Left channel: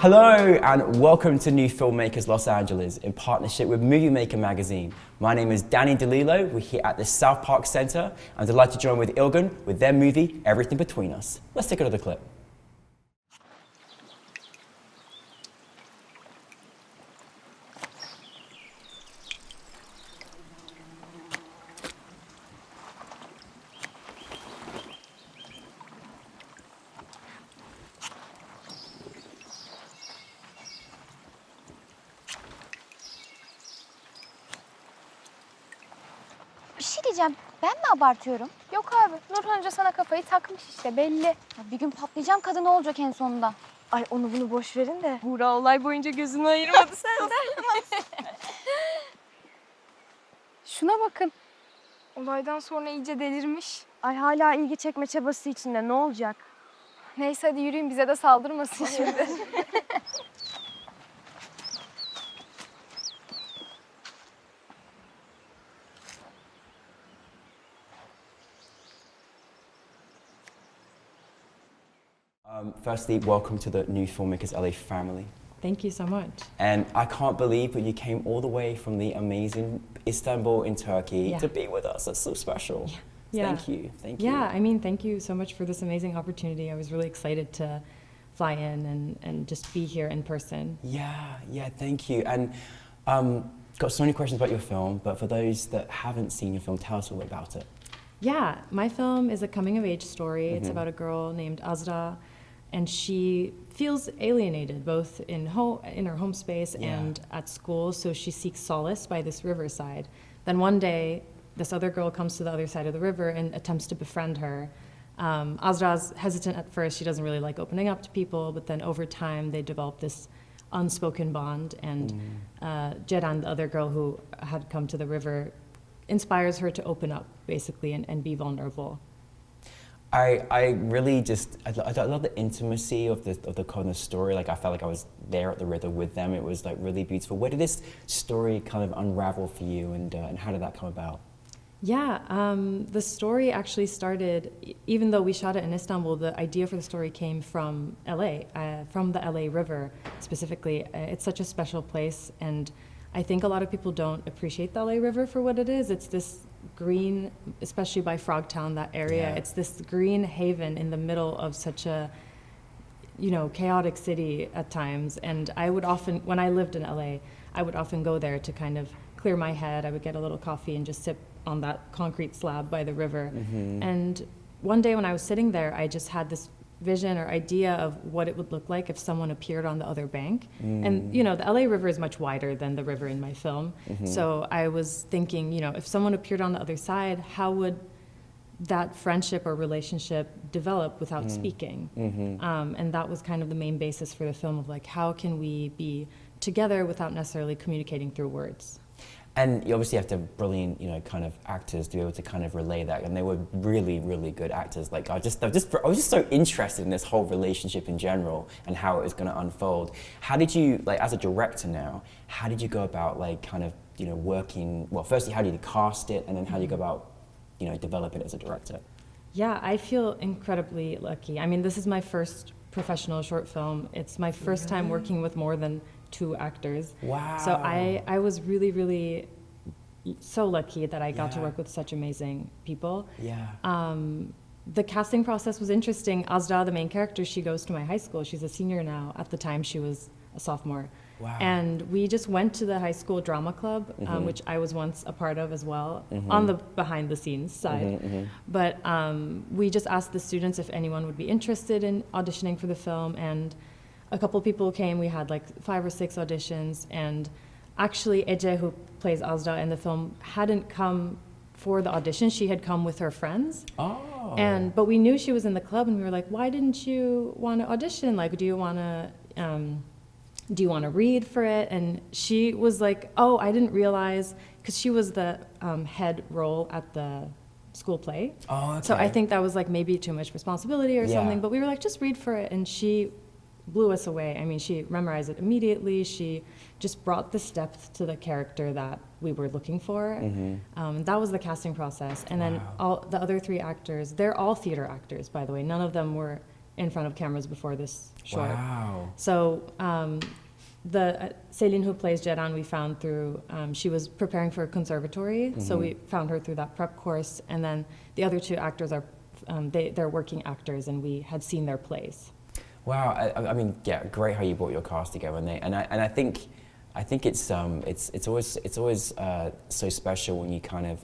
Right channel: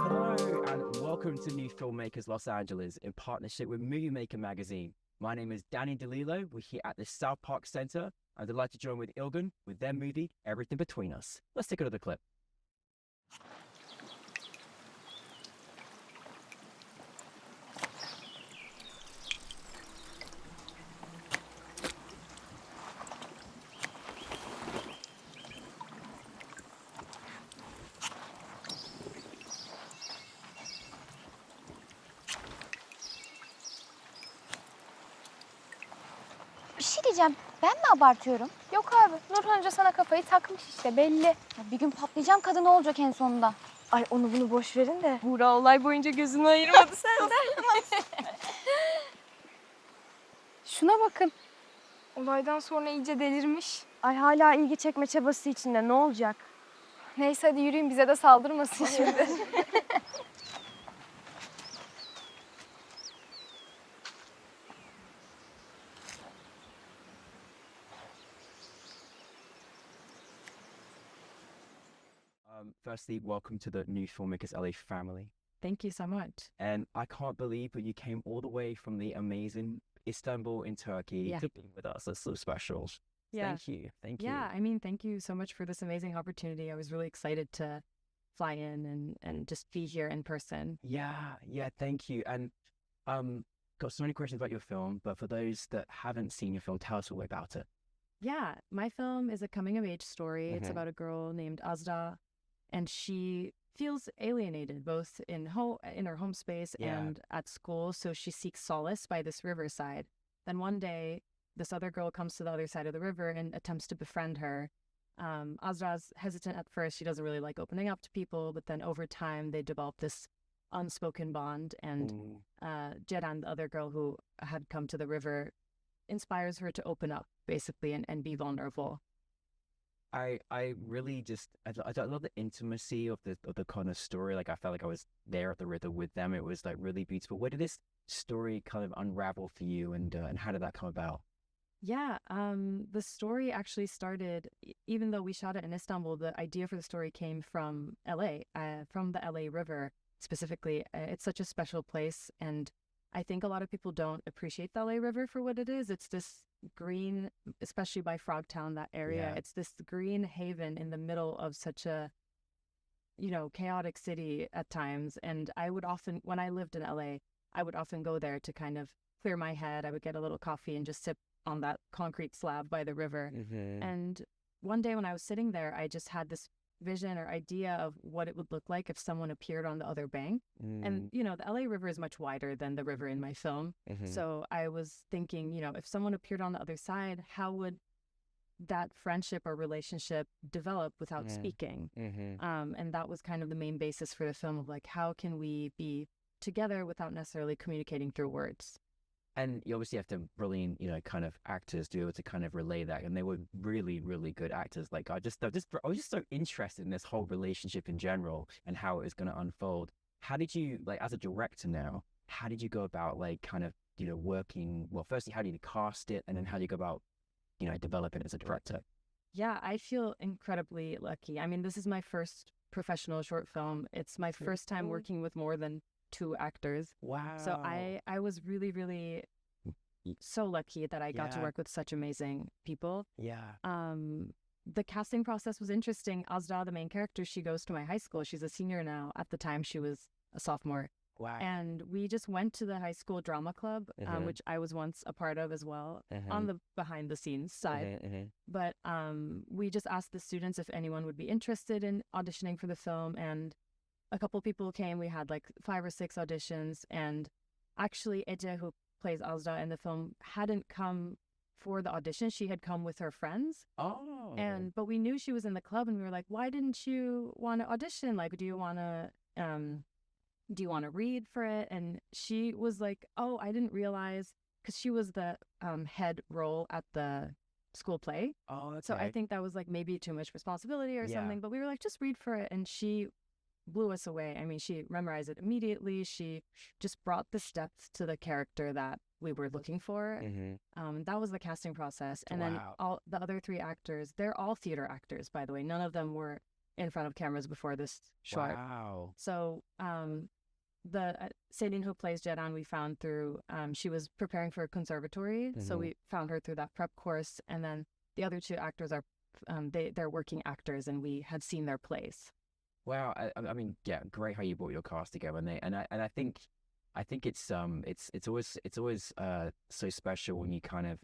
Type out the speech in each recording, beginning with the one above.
Hello and welcome to NewFilmmakers Los Angeles in partnership with Movie Maker magazine. My name is Danny DeLillo. We're here at the South Park Center. I'm delighted to join with Ilgın with their movie, Everything Between Us. Let's take another clip. Bir şey diyeceğim, ben mi abartıyorum? Yok abi, Nurhan Hoca sana kafayı takmış işte belli. Ya bir gün patlayacağım, kadın ne olacak en sonunda? Ay onu bunu boş verin de. Buğra olay boyunca gözünü ayırmadı senden. Şuna bakın. Olaydan sonra iyice delirmiş. Ay hala ilgi çekme çabası içinde, ne olacak? Neyse hadi yürüyün, bize de saldırmasın şimdi. Firstly, welcome to the NewFilmmakers LA family. Thank you so much. And I can't believe that you came all the way from the amazing Istanbul in Turkey to be with us. That's so special. Yeah. Thank you. Thank you. Yeah, I mean, thank you so much for this amazing opportunity. I was really excited to fly in and just be here in person. Yeah, thank you. And got so many questions about your film, but for those that haven't seen your film, tell us a little bit about it. Yeah, my film is a coming-of-age story. It's about a girl named Azra, and she feels alienated both in her home space and at school, so she seeks solace by this riverside. Then one day, this other girl comes to the other side of the river and attempts to befriend her. Azra's hesitant at first. She doesn't really like opening up to people, but then over time, they develop this unspoken bond, and Ceren, the other girl who had come to the river, inspires her to open up, basically, and be vulnerable. I really I love the intimacy of the kind of story. Like I felt like I was there at the river with them. It was like really beautiful. Where did this story kind of unravel for you, and how did that come about? Yeah, the story actually started, even though we shot it in Istanbul, the idea for the story came from LA, from the LA River specifically. It's such a special place, and I think a lot of people don't appreciate the LA River for what it is. It's this green, especially by Frogtown, that area, it's this green haven in the middle of such a, chaotic city at times. And I would often, when I lived in LA, I would often go there to kind of clear my head. I would get a little coffee and just sip on that concrete slab by the river. And one day when I was sitting there, I just had this vision or idea of what it would look like if someone appeared on the other bank. And the LA River is much wider than the river in my film. So I was thinking, if someone appeared on the other side, how would that friendship or relationship develop without speaking? And that was kind of the main basis for the film of like, how can we be together without necessarily communicating through words? And you obviously have to have brilliant, kind of actors to be able to kind of relay that, and they were really, really good actors. Like I was just so interested in this whole relationship in general and how it was going to unfold. How did you, like, as a director now, how did you go about, like, kind of, working? Well, firstly, how did you cast it, and then how do you go about, developing it as a director? Yeah, I feel incredibly lucky. I mean, this is my first professional short film. It's my first time working with more than 2 actors. Wow. So I was really, really so lucky that I got to work with such amazing people. The casting process was interesting. Azra, the main character, she goes to my high school. She's a senior now. At the time, she was a sophomore. Wow. And we just went to the high school drama club, which I was once a part of as well, on the behind the scenes side. But we just asked the students if anyone would be interested in auditioning for the film, and a couple people came. We had like 5 or 6 auditions, and actually Ece, who plays Azra in the film, hadn't come for the audition. She had come with her friends. Oh. But we knew she was in the club, and we were like, why didn't you want to audition? Like, do you want to read for it? And she was like, oh, I didn't realize, because she was the head role at the school play. Oh, okay. So I think that was like maybe too much responsibility or something, but we were like, just read for it. And she blew us away. I mean, she memorized it immediately. She just brought this depth to the character that we were looking for. That was the casting process. And then all the other 3 actors, they're all theater actors, by the way. None of them were in front of cameras before this short. Wow. So the Céline who plays Jeran, we found through, she was preparing for a conservatory, so we found her through that prep course, and then the other two actors are, they're working actors, and we had seen their plays. Wow, I mean, yeah, great how you brought your cast together, and I think it's always so special when you kind of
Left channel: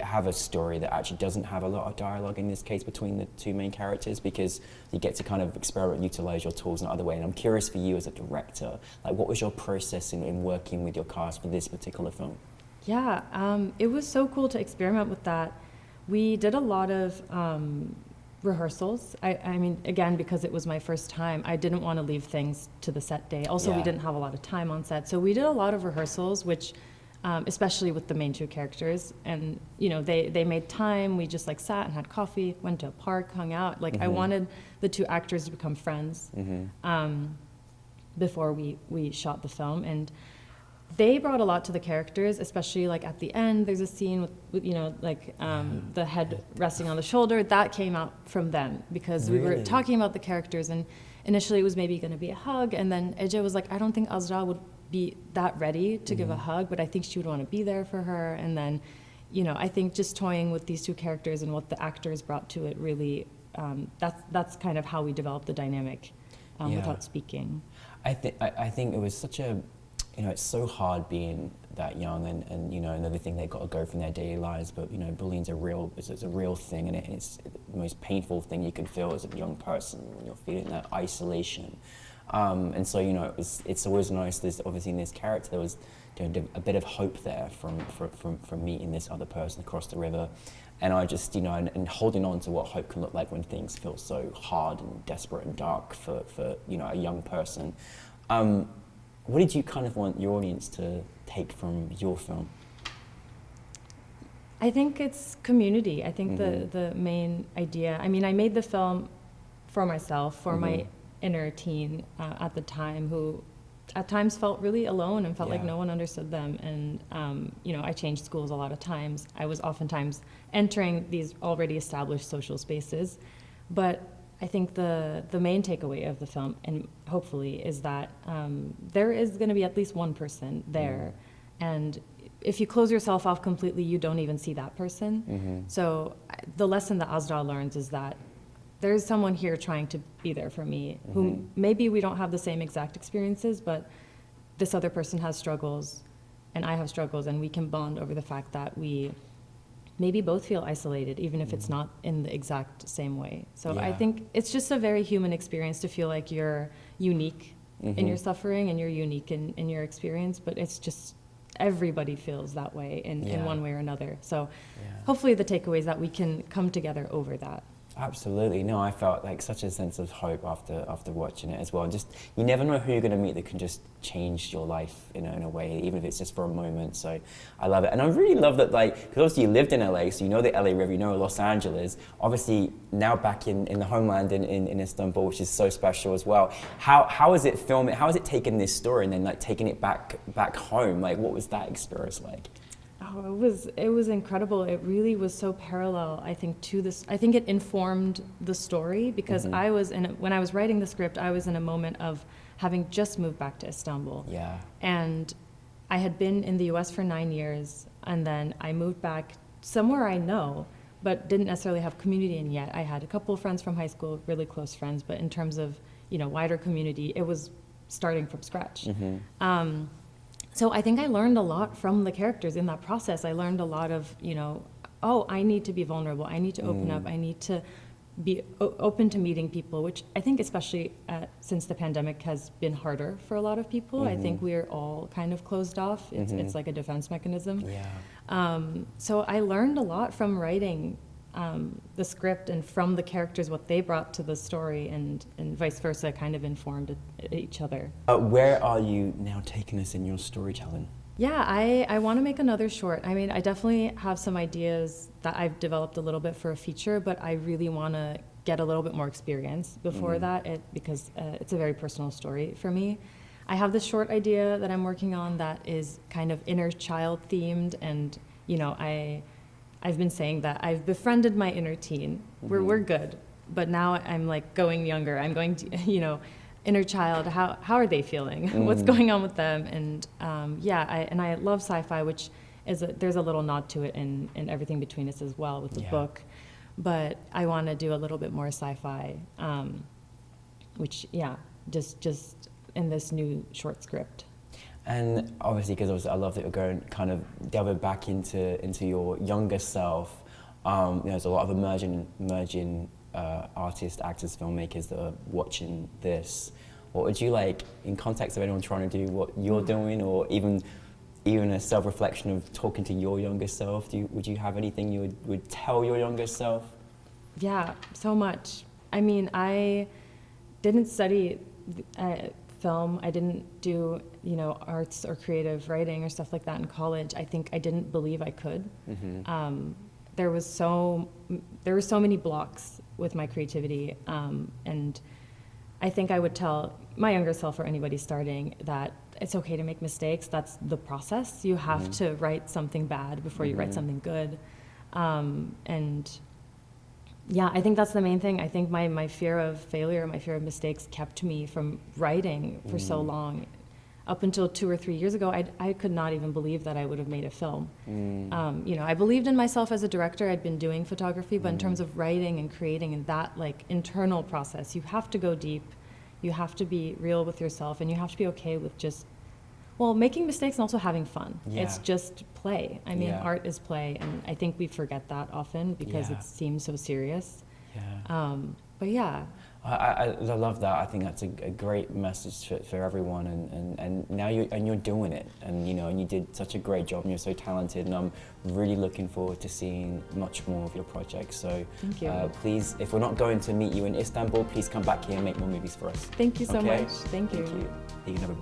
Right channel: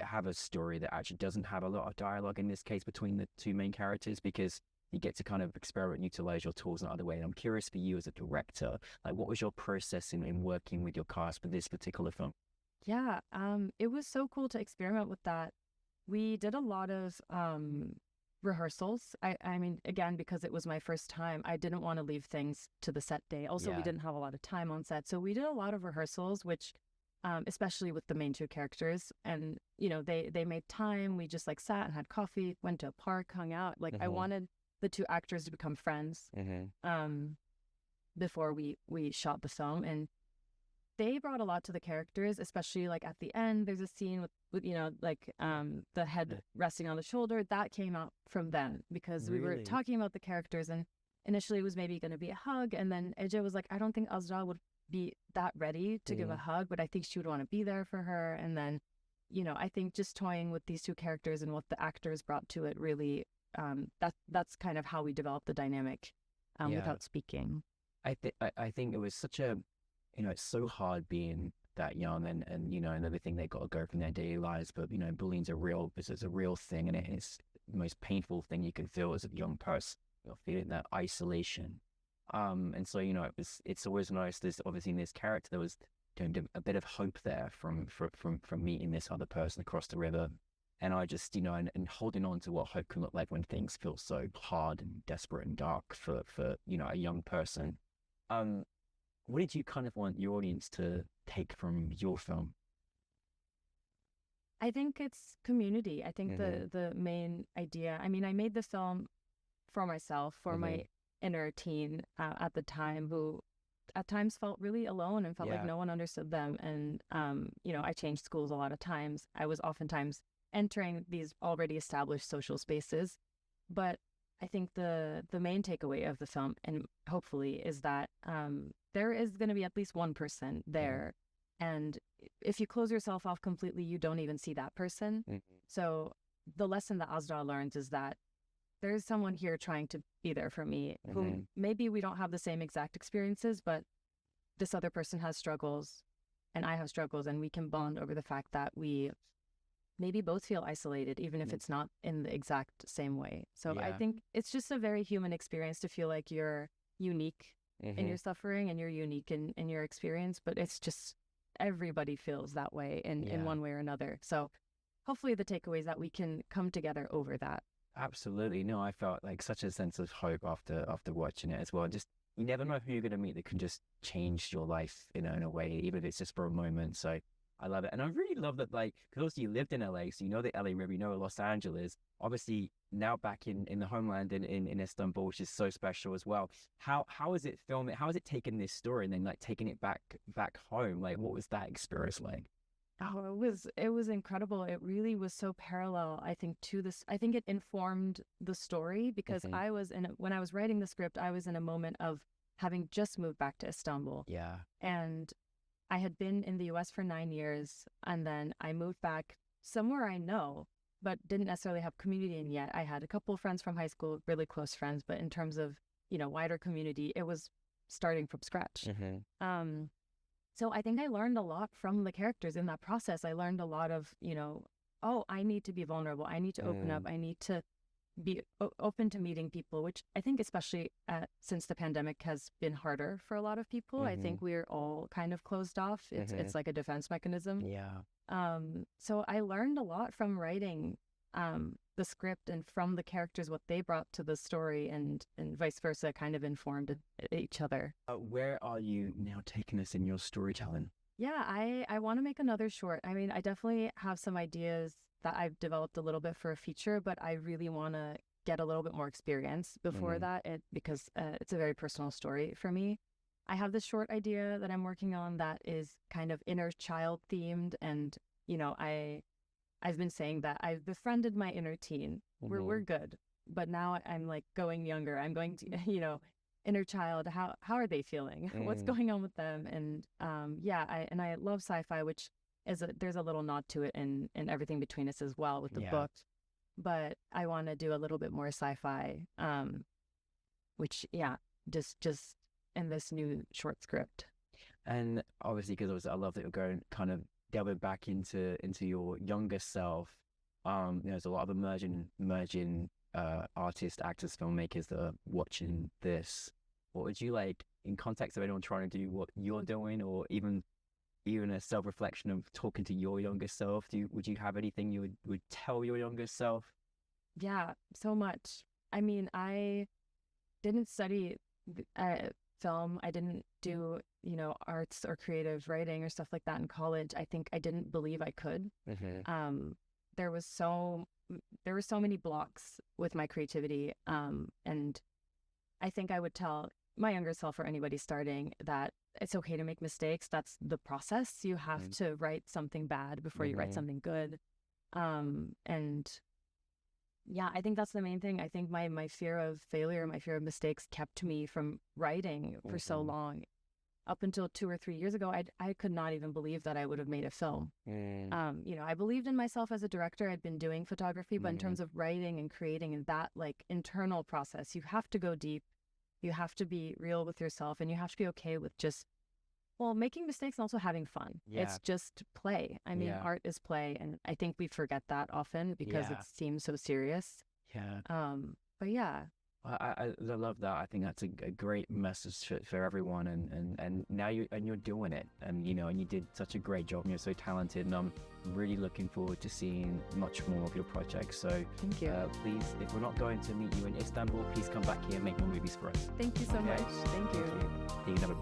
have a story that actually doesn't have a lot of dialogue, in this case between the two main characters, because you get to kind of experiment, utilize your tools in another way. And I'm curious for you as a director, like what was your process in working with your cast for this particular film? Yeah, it was so cool to experiment with that. We did a lot of rehearsals. I mean, again, because it was my first time, I didn't want to leave things to the set day. Also, we didn't have a lot of time on set. So we did a lot of rehearsals, which, especially with the main two characters. And, you know, they made time. We just like sat and had coffee, went to a park, hung out. Like I wanted the two actors to become friends before we shot the film. And they brought a lot to the characters, especially like at the end, there's a scene with you know, like the head resting on the shoulder. That came out from them because we were talking about the characters, and initially it was maybe going to be a hug, and then Ece was like, I don't think Azra would be that ready to give a hug, but I think she would want to be there for her. And then, you know, I think just toying with these two characters and what the actors brought to it really, that's kind of how we developed the dynamic without speaking. I think it was such a, you know, it's so hard being that young and you know, and everything they've got to go from their daily lives, but you know, bullying's a real thing, and it's the most painful thing you can feel as a young person. You're feeling that isolation, and so, you know, it's always nice. There's obviously in this character there was, you know, a bit of hope there from meeting this other person across the river, and I just, you know, and holding on to what hope can look like when things feel so hard and desperate and dark for you know, a young person. What did you kind of want your audience to take from your film? I think it's community. I think the main idea, I mean, I made the film for myself, for my inner teen at the time, who at times felt really alone and felt like no one understood them. And, you know, I changed schools a lot of times. I was oftentimes entering these already established social spaces. But I think the main takeaway of the film, and hopefully, is that there is going to be at least one person there. And if you close yourself off completely, you don't even see that person. So the lesson that Azra learns is that there's someone here trying to be there for me, who maybe we don't have the same exact experiences, but this other person has struggles and I have struggles, and we can bond over the fact that we maybe both feel isolated, even if it's not in the exact same way. So I think it's just a very human experience to feel like you're unique in your suffering and you're unique in your experience, but it's just everybody feels that way in one way or another. So hopefully the takeaway is that we can come together over that. Absolutely. No, I felt like such a sense of hope after watching it as well. Just, you never know who you're going to meet that can just change your life, you know, in a way, even if it's just for a moment. So I love it. And I really love that, like, because obviously you lived in LA, so you know the LA River, you know Los Angeles. Obviously now back in the homeland in Istanbul, which is so special as well. How is it filming? How is it taking this story and then like taking it back home? Like, what was that experience like? Oh, it was incredible. It really was so parallel, I think, to this. I think it informed the story because when I was writing the script, I was in a moment of having just moved back to Istanbul. Yeah. And I had been in the US for 9 years, and then I moved back somewhere I know, but didn't necessarily have community in yet. I had a couple of friends from high school, really close friends, but in terms of, you know, wider community, it was starting from scratch. So I think I learned a lot from the characters in that process. I learned a lot of, you know, oh, I need to be vulnerable. I need to open up. I need to be open to meeting people, which I think especially since the pandemic has been harder for a lot of people. I think we're all kind of closed off. It's like a defense mechanism. Yeah. So I learned a lot from writing the script and from the characters, what they brought to the story, and vice versa, kind of informed each other. Where are you now taking us in your storytelling? Yeah, I want to make another short. I mean, I definitely have some ideas that I've developed a little bit for a feature, but I really want to get a little bit more experience before that, because it's a very personal story for me. I have this short idea that I'm working on that is kind of inner child themed, and you know, I've been saying that I've befriended my inner teen. We're good. but now I'm like going younger. I'm going to, you know, inner child. How are they feeling? What's going on with them? And I love sci-fi, which is there's a little nod to it in Everything Between Us as well with the book. But I want to do a little bit more sci-fi, which just in this new short script. And obviously, because I love that you're going kind of delving back into your younger self. There's a lot of emerging artists, actors, filmmakers that are watching this. What would you like, in context of anyone trying to do what you're doing, or even a self-reflection of talking to your younger self? Would you have anything you would tell your younger self? Yeah, so much. I mean, I didn't study film. I didn't do, you know, arts or creative writing or stuff like that in college. I think I didn't believe I could. There were so many blocks with my creativity, and I think I would tell my younger self or anybody starting that it's okay to make mistakes. That's the process. You have to write something bad before you write something good, and yeah, I think that's the main thing. I think my fear of failure, my fear of mistakes kept me from writing for so long. Up until 2 or 3 years ago, I could not even believe that I would have made a film. You know, I believed in myself as a director. I'd been doing photography, but in terms of writing and creating and that like internal process, you have to go deep. You have to be real with yourself, and you have to be okay with just, well, making mistakes and also having fun. It's just play. I mean, art is play, and I think we forget that often because it seems so serious. But yeah. I love that. I think that's a great message for everyone, and now you're doing it, and you know, and you did such a great job, and you're so talented, and I'm really looking forward to seeing much more of your projects. So thank you. Please, if we're not going to meet you in Istanbul, please come back here and make more movies for us. Thank you so much. Thank you. Thank you.